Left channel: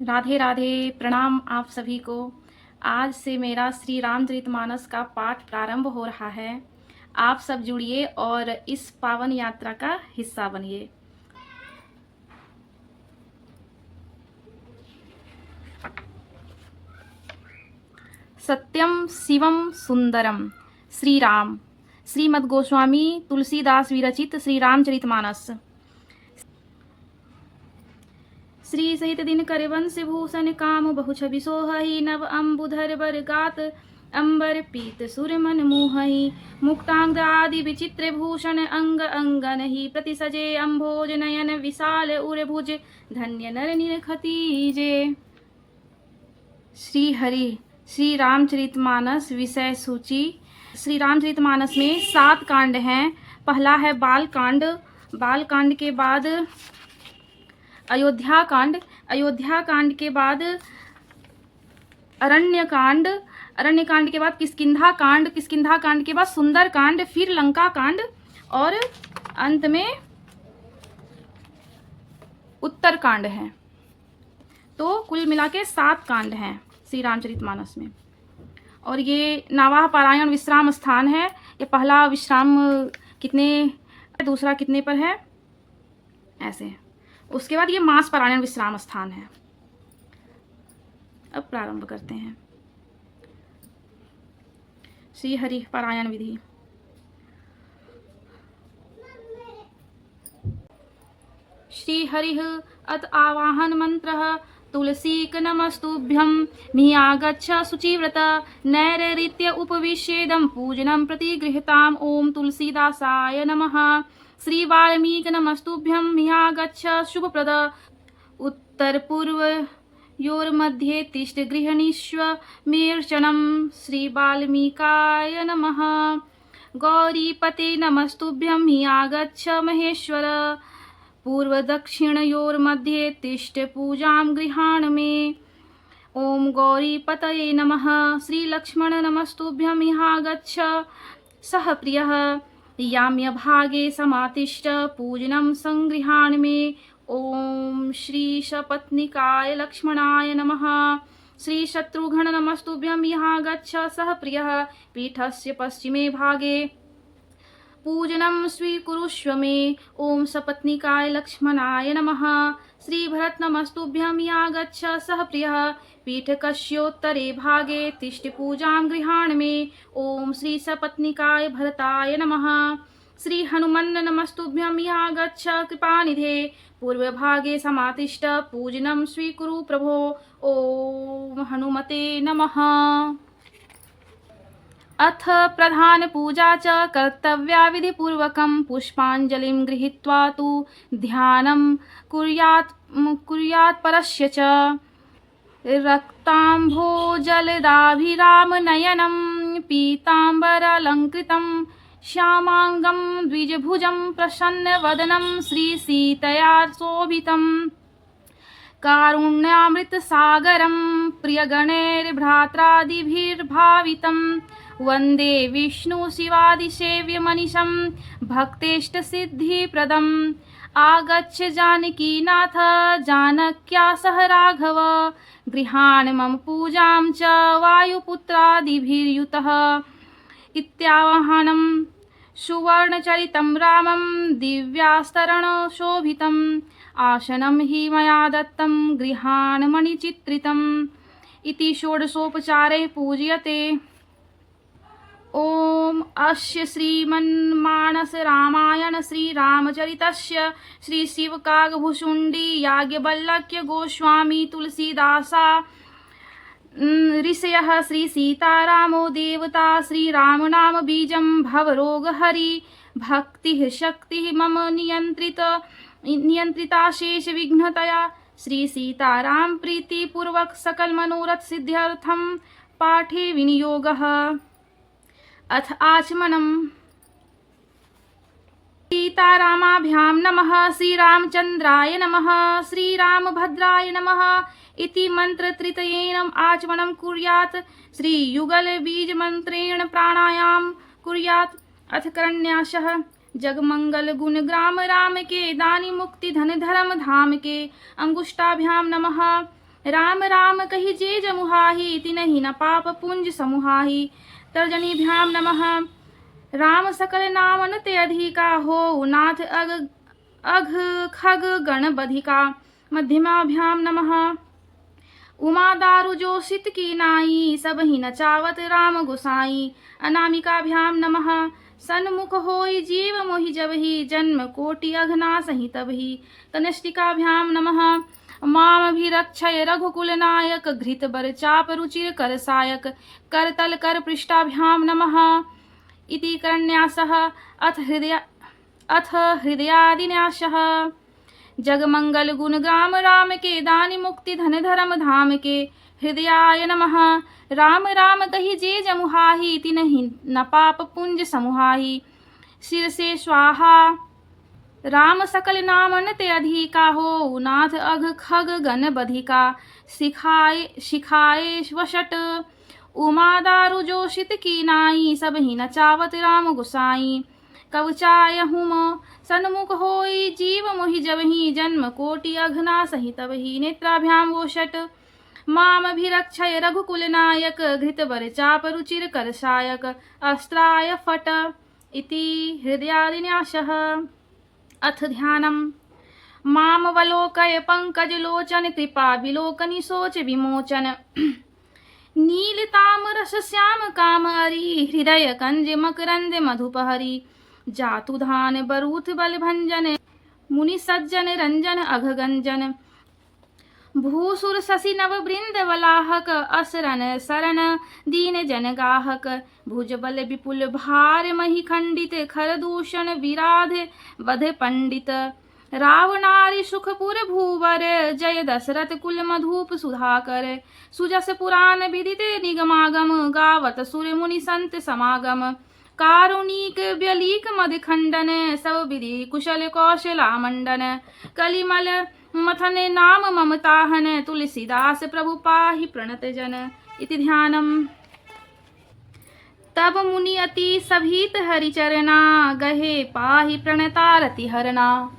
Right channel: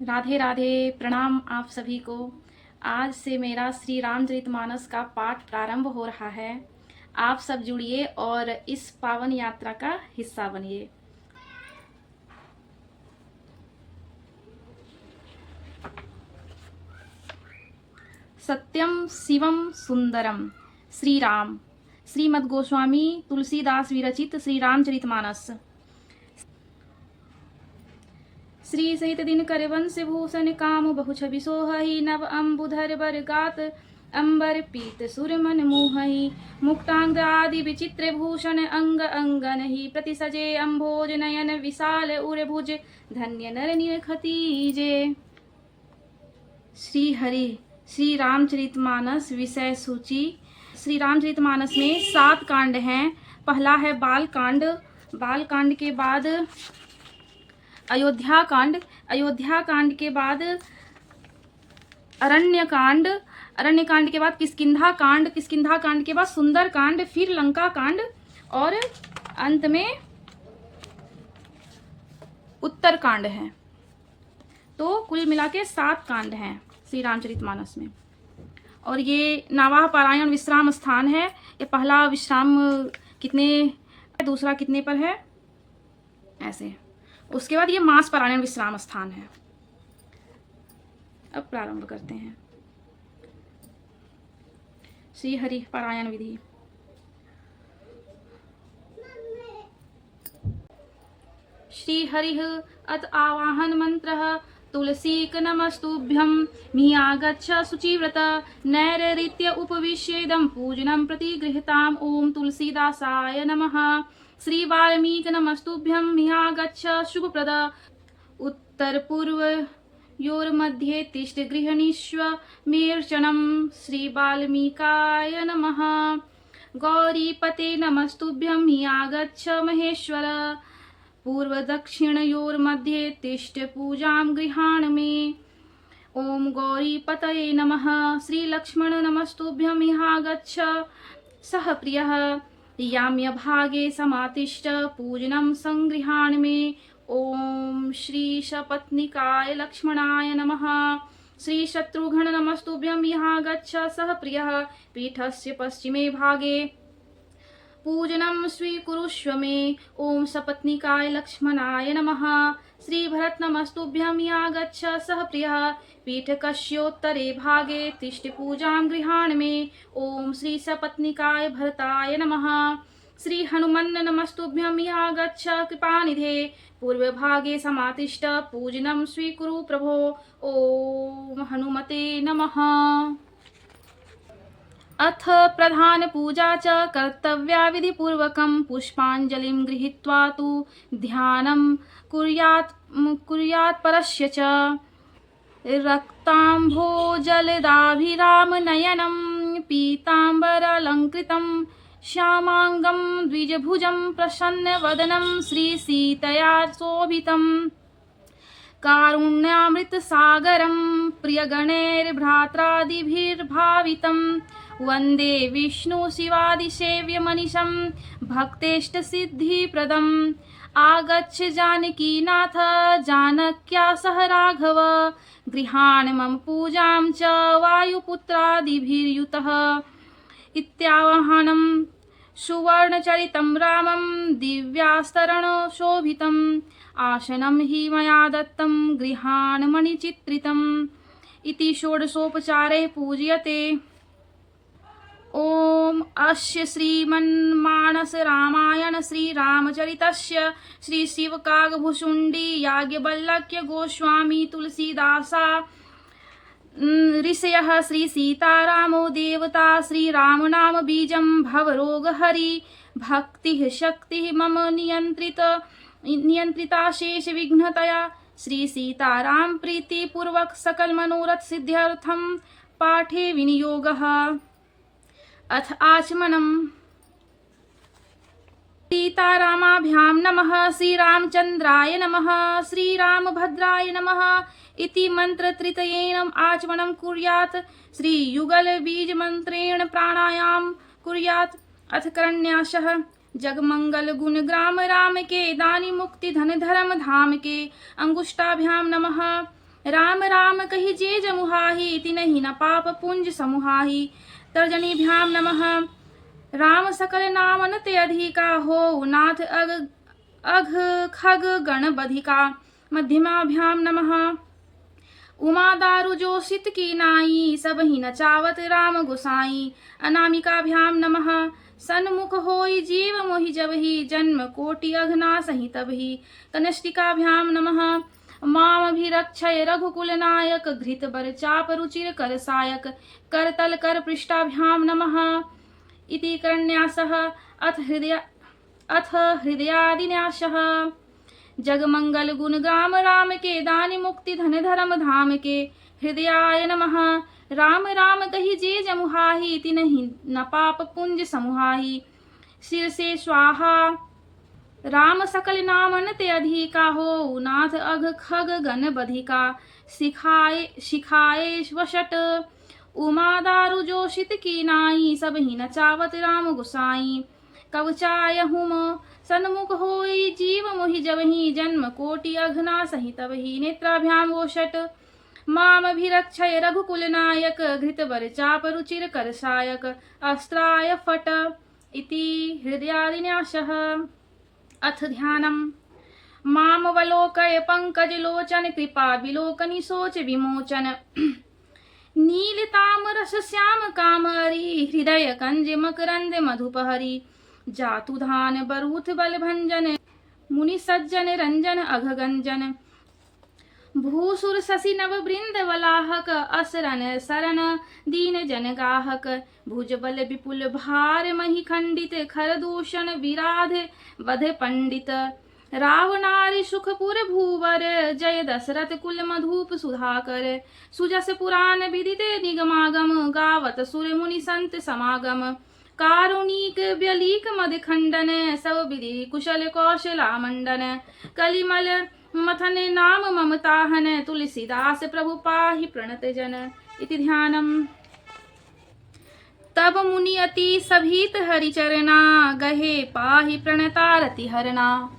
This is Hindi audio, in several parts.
राधे राधे। प्रणाम आप सभी को। आज से मेरा श्री रामचरितमानस का पाठ प्रारंभ हो रहा है। आप सब जुड़िए और इस पावन यात्रा का हिस्सा बनिए। सत्यम शिवम सुंदरम। श्री राम। श्रीमद् गोस्वामी तुलसीदास विरचित श्री रामचरितमानस। श्री सहित दिन कर वंश भूषण काम बहु छवि सोहहि नव अम्बुधर बर गात अंबर पीत सुर मन मोहहि मुक्तांग आदि विचित्र भूषण अंग अंगन ही प्रति सजे अम्भोज नयन विशाल उर भुज धन्य नर निरखतीजे। श्री हरि श्री रामचरितमानस विषय सूची। श्री रामचरितमानस में 7 कांड हैं। पहला है बाल कांड। बाल कांड के बाद अयोध्या कांड। अयोध्या कांड के बाद अरण्य कांड। अरण्य कांड के बाद किष्किंधा कांड। किष्किंधा कांड के बाद सुंदर कांड, फिर लंका कांड और अंत में उत्तर कांड है। तो कुल मिला के 7 कांड हैं श्री रामचरितमानस में। और ये नावाह पारायण विश्राम स्थान है। ये पहला विश्राम कितने, दूसरा कितने पर है, ऐसे। उसके बाद ये मास पारायण विश्राम स्थान है। अब प्रारंभ करते हैं। श्री हरि पारायण विधि। श्री हरिः अत आवाहन मंत्रः तुलसीक नमस्तुभ्यं नियागच्छ शुचिव्रत नैरृत्य उपविश्येदं पूजनं प्रतिगृहताम् ओम तुलसीदासाय नमः। श्री वाल्मीक नमस्तुभ्यं नियागच्छ शुभप्रद उत्तर पूर्व योर्मध्ये तिष्ठ गृहणीष्व मेर्चनं श्री वाल्मीकाय नमः। गौरीपते नमस्तुभ्यं नियागच्छ महेश्वर पूर्व दक्षिणयोर्मध्ये तिष्ठ पूजां गृहाण मे। ओम गौरीपतये नमः। श्री लक्ष्मण नमस्तुभ्यं निहागच्छ सह प्रियः याम्य भागे समातिष्ठ पूजनं संगृहाण मे। ओम श्री सपत्निकाय लक्ष्मणाय नमः। श्री शत्रुघ्न नमस्तुभ्यं निहागच्छ सह प्रियः पीठस्य पश्चिमे भागे पूजनं स्वीकुरुष्व मे। ओम सपत्निकाय लक्ष्मणाय नमः। श्री भरत नमस्तुभ्यं नियागच्छ सह प्रियः पीठकस्योत्तरे भागे तिष्ठ पूजां गृहाण मे। ओम श्री सपत्निकाय भरताय नमः। श्री हनुमन् नमस्तुभ्यं नियागच्छ कृपानिधे पूर्व भागे समातिष्ठ पूजनं स्वीकुरु प्रभो। ओम हनुमते नमः। अथ प्रधान पूजा च कर्तव्या विधिपूर्वकं पुष्पाञ्जलिं गृहीत्वा तु ध्यानं कुर्यात् परस्य च रक्ताम्भोजलदाभिरामनयनं पीताम्बरालङ्कृतं श्यामाङ्गं द्विजभुजं प्रसन्नवदनं श्रीसीतया शोभितं कारुण्यामृतसागरं प्रियगणैर्भ्रात्रादिभिर्भावितं वन्दे विष्णुशिवादिसेव्यमनिशं भक्तेष्टसिद्धिप्रदम्। आगच्छ जानकीनाथ जानक्या सह राघव गृहाण मम पूजां च वायुपुत्रादिभिर्युतः। इत्यावाहनं सुवर्णचरितं रामं दिव्यास्तरणशोभितम् आसनं हि मया दत्तं गृहाण मणिचित्रितम्। इति षोडशोपचारे पूज्यते। ओम अस्य श्रीमन्मानस रामायण श्री रामचरितस्य श्री शिवकागभुषुण्डी याज्ञवल्क्य गोस्वामी तुलसीदासा ऋषयः श्री सीतारामो देवता श्री राम नाम बीजं भवरोगहरि भक्तिः शक्तिः मम नियंत्रिता शेष विघ्नतया श्री सीताराम प्रीति पूर्वक सकल मनोरथ सिद्ध्यर्थम पाठे विनियोगः। अथ आचमनम्। सीतारामाभ्यां नमः। श्रीरामचन्द्राय नमः। श्रीरामभद्राय नमः इति मन्त्रत्रितयेन आचमनं कुर्यात्। श्रीयुगलबीजमन्त्रेण प्राणायाम कुर्यात्। अथ करन्यासः। जगमंगल गुण ग्राम राम के दानी मुक्ति धन धर्म धाम के अंगुष्ठाभ्याम नमः। राम राम कहि जे जमुहाहि तिनहि न पाप पुंज समुहाहि। तर्जनीभ्यां नमः। राम सकल नाम अनते अधिका हो नाथ अघ खग गण बधिका। मध्यमाभ्यां नमः। उमा दारु जो सित की नाई सब ही नचावत राम गुसाई। अनामिकाभ्यां नमः। सन्मुख होई जीव मोहि जबहि जन्म कोटि अघना सहि तबहि। कनिष्ठिकाभ्यां नमः। मामभिरक्षय रघुकुल नायक घृत बर चाप रुचिर कर सायक। करतल कर पृष्ठाभ्यां नमः। इति करन्यासः अथ हृदयादिन्यासः। जगमंगल गुण ग्राम राम के दानि मुक्ति धन धर्म धाम के। हृदयाय नमः। राम राम कहि जे जमुहाहि तिनहि न पाप पुंज समुहाहि। सिर से स्वाहा। राम सकल नाम अनते अधिका हो नाथ अघ खग गण बधिका। शिखाए वशट उमा दारु जो शित की नाई सब ही नचावत राम गुसाई। कवचाय हुम सन्मुख होई जीव मोहि जबहि जन्म कोटि अघना सहि तबहि। नेत्राभ्यां वोषट मामभिरक्षय रघुकुल नायक घृत बर चाप रुचिर कर सायक। अस्त्राय फट। इति हृदयादिन्यासः। अथ ध्यानम्। मामवलोकय पंकज लोचन कृपा विलोकनि सोच विमोचन। नीलताम्र श्याम कामहरि हृदय कंज मकरंद मधुपहरि। जातु धान बरूथ बल भंजन मुनि सज्जन रंजन अघगंजन। भूसुर शशि नव वृंद वलाहक असरन शरण दीन जन गाहक। भुज बल विपुल भार मही खंडित खर दूषण विराध वध पंडित। रावणारि सुखपुर भूवर जय दशरथ कुल मधुप सुधाकर। सुजस पुराण विदित निगमागम गावत सुर मुनि संत समागम। कारुणिक व्यलीक मद खंडन सब विधि कुशल कौशला मंडन। कलिमल मथन नाम ममताहन तुलसीदास प्रभु पाहि प्रणत जन। इति ध्यानम्। तब मुनि अति सभीत हरिचरणा गहे पाहि प्रणतारति हरणा।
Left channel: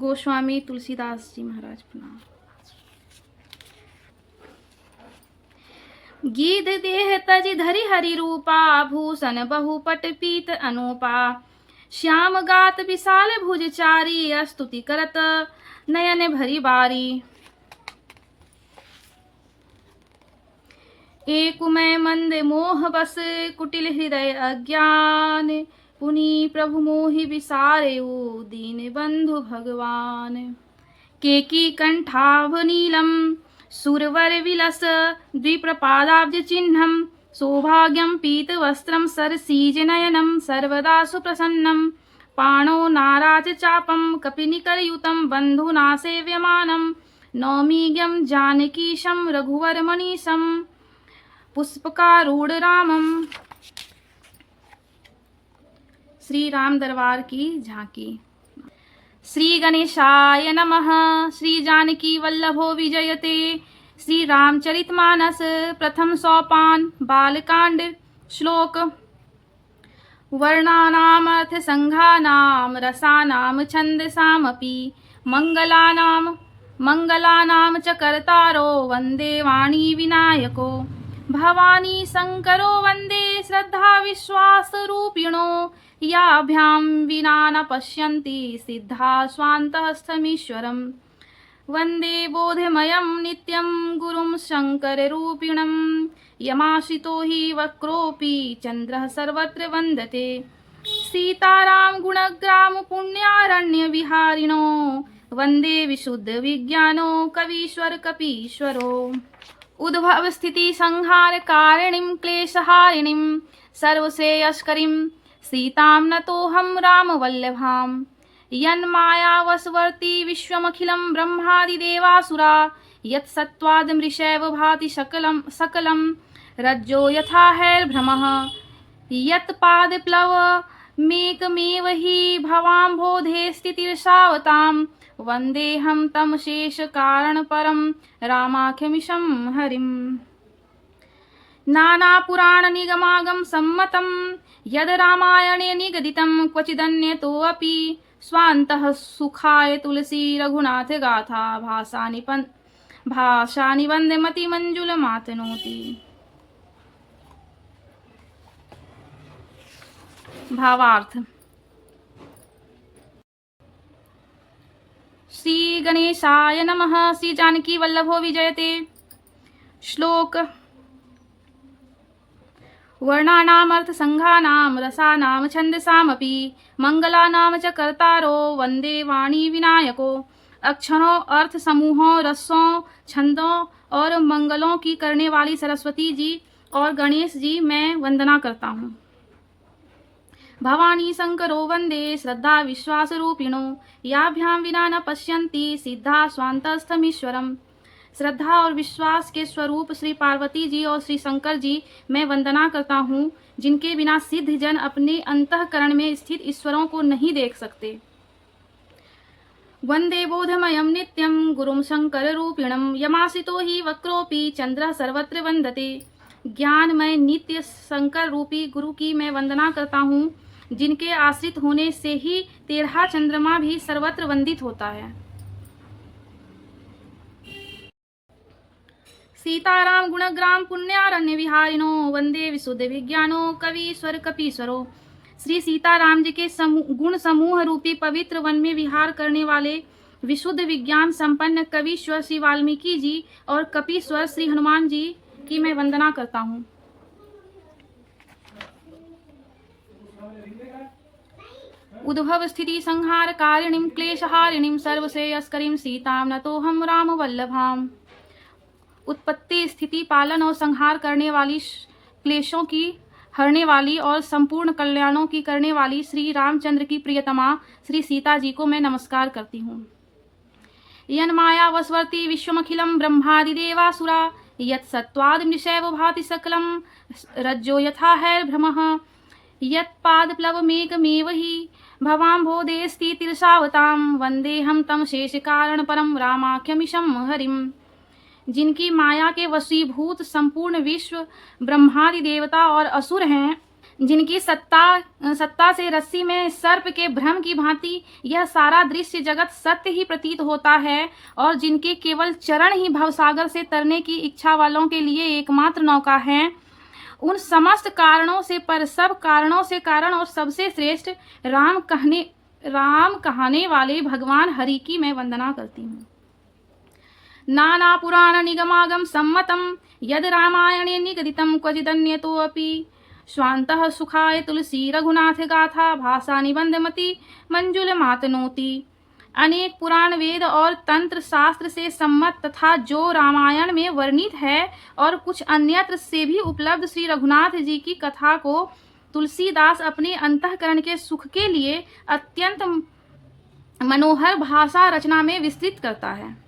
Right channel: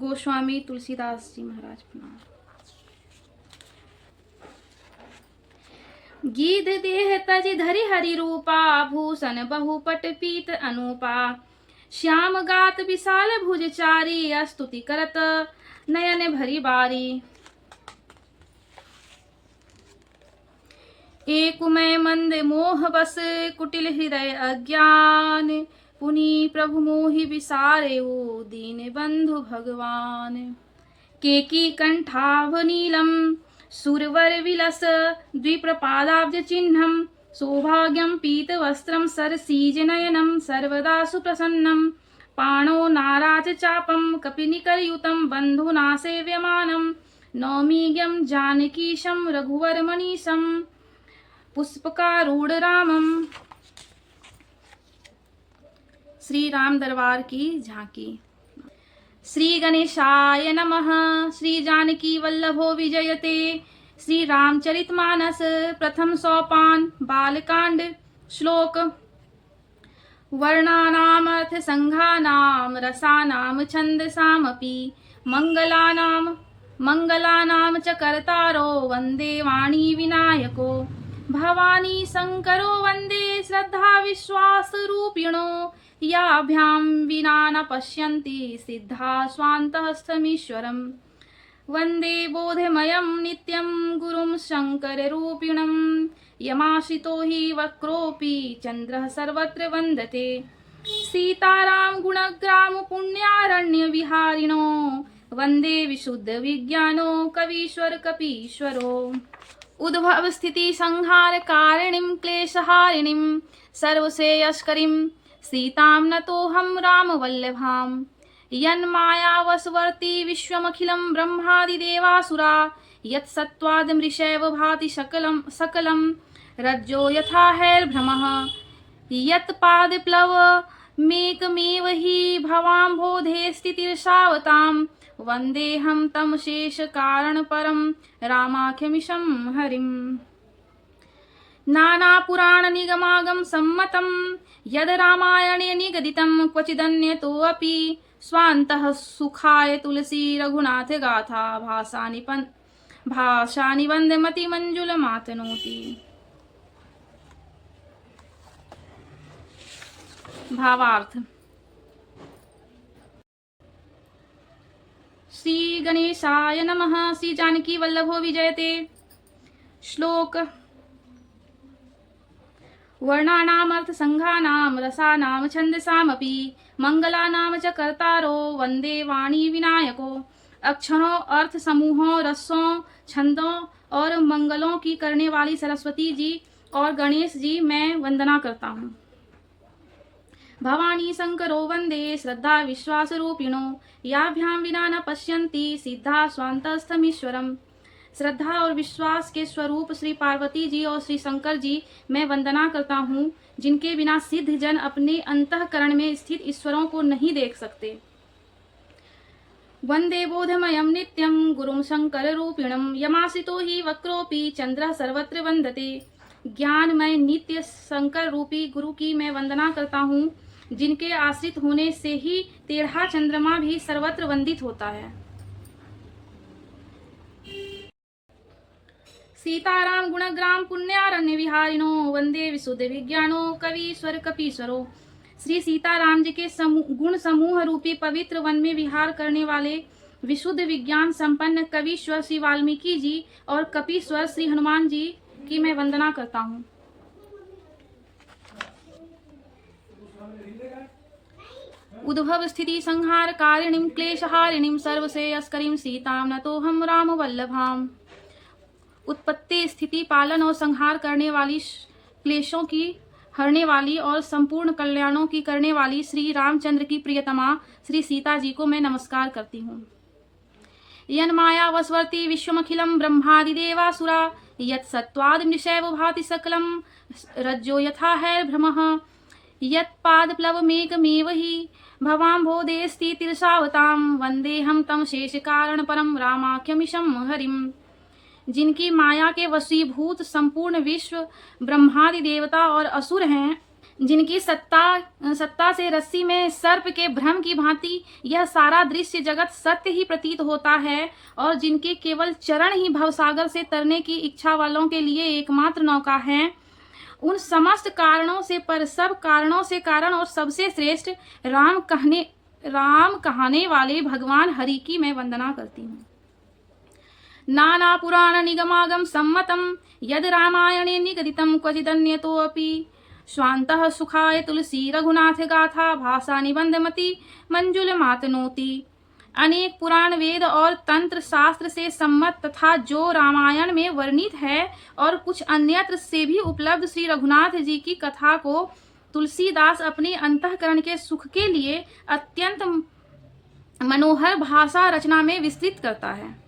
गोस्वामी तुलसीदास जी महाराज प्रणाम। गीध देह तज धरि हरि रूपा भूषण बहुपट पीत अनूपा। श्याम गात विशाल भुज चारी स्तुति करत नयन भरी बारी। एकुमय मंद मोह बस कुटिल हृदय अज्ञान। पुनि प्रभु मोहि विसारेउ दीन बंधु भगवान। केकी कंठाभ नीलम सुरवर विलस द्विप्रपादाब्ज चिह्नम। सौभाग्यम पीत वस्त्रम सरसीज नयनम सर्वदा सुप्रसन्नम। पाणो नाराज चापम कपिनिकरयुतम बंधुना सेव्यमानम। नौमीज्ञम जानकीशम रघुवर मनीषम पुष्पकारूढ़ रामम। श्री राम दरबार की झांकी। श्री गणेशाय नमः। श्री जानकी वल्लभो विजयते। श्री रामचरितमानस प्रथम सोपान बालकांड। श्लोक। वर्णानाम अर्थ संघानाम रसानाम छंदसामपि। मंगलानाम च कर्तारो वंदे वाणी विनायको। भवानी शंकरो वंदे श्रद्धा विश्वास रूपिणो। याभ्यां विना न पश्यन्ति सिद्धा स्वान्तस्थमीश्वरम्। वंदे बोधमयं नित्यं गुरुं शंकररूपिणं। यमाश्रितो हि वक्रोऽपि चन्द्रः सर्वत्र वन्दते। सीताराम गुणग्राम पुण्यारण्य विहारिणो। वंदे विशुद्ध विज्ञानो कवीश्वर कपीश्वरो। उद्भव स्थिति संहार कारिणीं क्लेशहारिणीं सर्वश्रेयस्करीं। सीतां नतोऽहं रामवल्लभाम्। यन्मायावशवर्ती विश्वमखिलं ब्रह्मादिदेवासुरा। यत्सत्त्वाद् मृषैव भाति सकलं रज्जो यथा हैर्भ्रमः। यत्पादप्लवमेकमेव हि भवाम्भोधे स्थितिर्षावताम्। वन्देऽहं तं शेषकारणपरं रामाख्यमीशं हरिम्। नानापुराणनिगमागम सम्मतं यद् रामायणे निगदितं क्वचिदन्यतोऽपि स्वान्तः सुखाय तुलसी रघुनाथ गाथा भाषा निबंध मति मंजुल मातनोति। भावार्थ। श्री गणेशाय नमः। श्री जानकी वल्लभो विजयते। श्लोक। वर्णानामर्थ संघानाम रसानाम छंदसामपि मंगलानाम च कर्तारो वंदे वाणी विनायको। अक्षरों, अर्थ समूहों, रसों, छंदों और मंगलों की करने वाली सरस्वती जी और गणेश जी मैं वंदना करता हूँ। भवानी शंकरो वंदे श्रद्धा विश्वास रूपिणो याभ्याम विना न पश्यन्ति सिद्धा स्वान्तस्थमीश्वरम। श्रद्धा और विश्वास के स्वरूप श्री पार्वती जी और श्री शंकर जी मैं वंदना करता हूँ, जिनके बिना सिद्ध जन अपने अंतःकरण में स्थित ईश्वरों को नहीं देख सकते। वंदे बोधमयं नित्यं गुरुं शंकर रूपिणं यमाश्रितो हि वक्रोपि चंद्र सर्वत्र वंदते। ज्ञानमय नित्य शंकर रूपी गुरु की मैं वंदना करता हूँ, जिनके आश्रित होने से ही 13 चंद्रमा भी सर्वत्र वंदित होता है। सीताराम गुणग्राम पुण्यारण्य विहारिणो वंदे विशुद्ध विज्ञानो कवीश्वर कपीश्वरो। श्री सीताराम जी के गुण समूह रूपी पवित्र वन में विहार करने वाले विशुद्ध विज्ञान संपन्न कवीश्वर श्री वाल्मीकि जी और कपीश्वर श्री हनुमान जी की मैं वंदना करता हूँ। उद्भव स्थिति संहार कारिणीं क्लेशहारिणीं सर्वश्रेयस्करीं सीतां नतोऽहं राम वल्लभाम। उत्पत्ति, स्थिति, पालन और संहार करने वाली, क्लेशों की हरने वाली और संपूर्ण कल्याणों की करने वाली श्री रामचंद्र की प्रियतमा श्री सीता जी को मैं नमस्कार करती हूँ। यन्माया वस्वर्ति विश्वमखिलं ब्रह्मादिदेवासुरा यत् सत्त्वाद् निशैव भाति सकलं रज्जो यथा हैर्भ्रमः यत्पादप्लवमेकमेव हि भवाम्भोदेस्ति तिरसावतां वन्देऽहं तं शेषकारणपरं रामाख्यमीशं हरिम्। जिनकी माया के वशीभूत संपूर्ण विश्व ब्रह्मादि देवता और असुर हैं, जिनकी सत्ता से रस्सी में सर्प के भ्रम की भांति यह सारा दृश्य जगत सत्य ही प्रतीत होता है और जिनके केवल चरण ही भवसागर से तरने की इच्छा वालों के लिए एकमात्र नौका है, उन समस्त कारणों से पर सब कारणों से कारण और सबसे श्रेष्ठ राम कहने वाले भगवान हरि की मैं वंदना करती हूँ। नाना पुराण निगमागम सम्मतम यद रामायणे निगदितम क्वचिदन्यतोऽपि स्वान्तः सुखाय तुलसी रघुनाथ गाथा भाषा निबंध मति मंजुल मातनोति। अनेक पुराण वेद और तंत्र शास्त्र से सम्मत तथा जो रामायण में वर्णित है और कुछ अन्यत्र से भी उपलब्ध श्री रघुनाथ जी की कथा को तुलसीदास अपने अंतःकरण के सुख के लिए अत्यंत मनोहर भाषा रचना में विस्तृत करता है।